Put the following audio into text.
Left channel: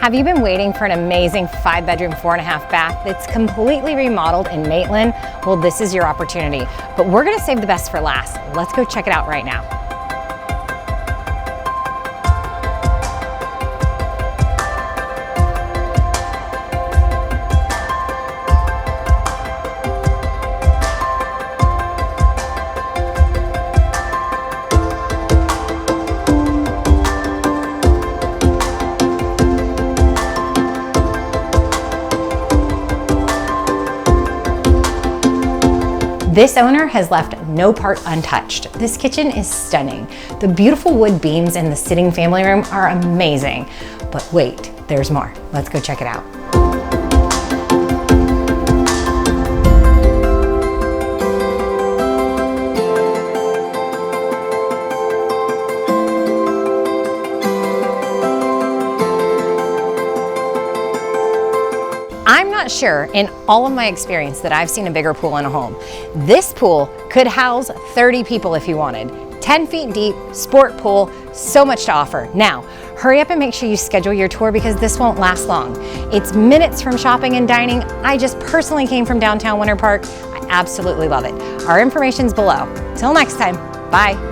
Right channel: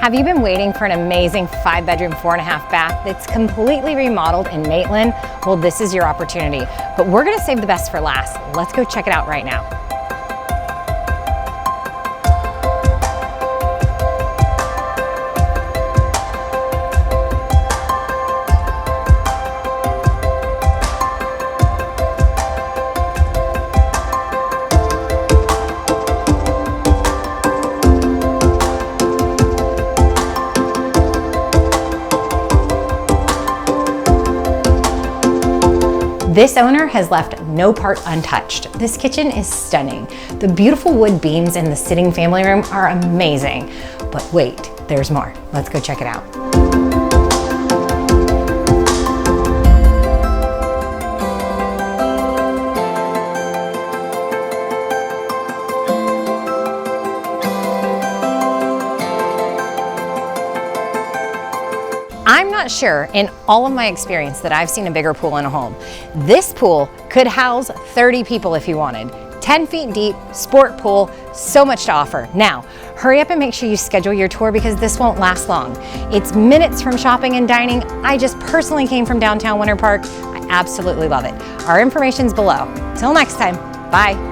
Have you been waiting for an amazing 5-bedroom, 4.5 bath that's completely remodeled in Maitland? Well, this is your opportunity, but we're gonna save the best for last. Let's go check it out right now. This owner has left no part untouched. This kitchen is stunning. The beautiful wood beams in the sitting family room are amazing. But wait, there's more. Let's go check it out. I'm not sure in all of my experience that I've seen a bigger pool in a home. This pool could house 30 people if you wanted. 10 feet deep, sport pool, so much to offer. Now, hurry up and make sure you schedule your tour because this won't last long. It's minutes from shopping and dining. I just personally came from downtown Winter Park. I absolutely love it. Our information's below. Till next time, bye.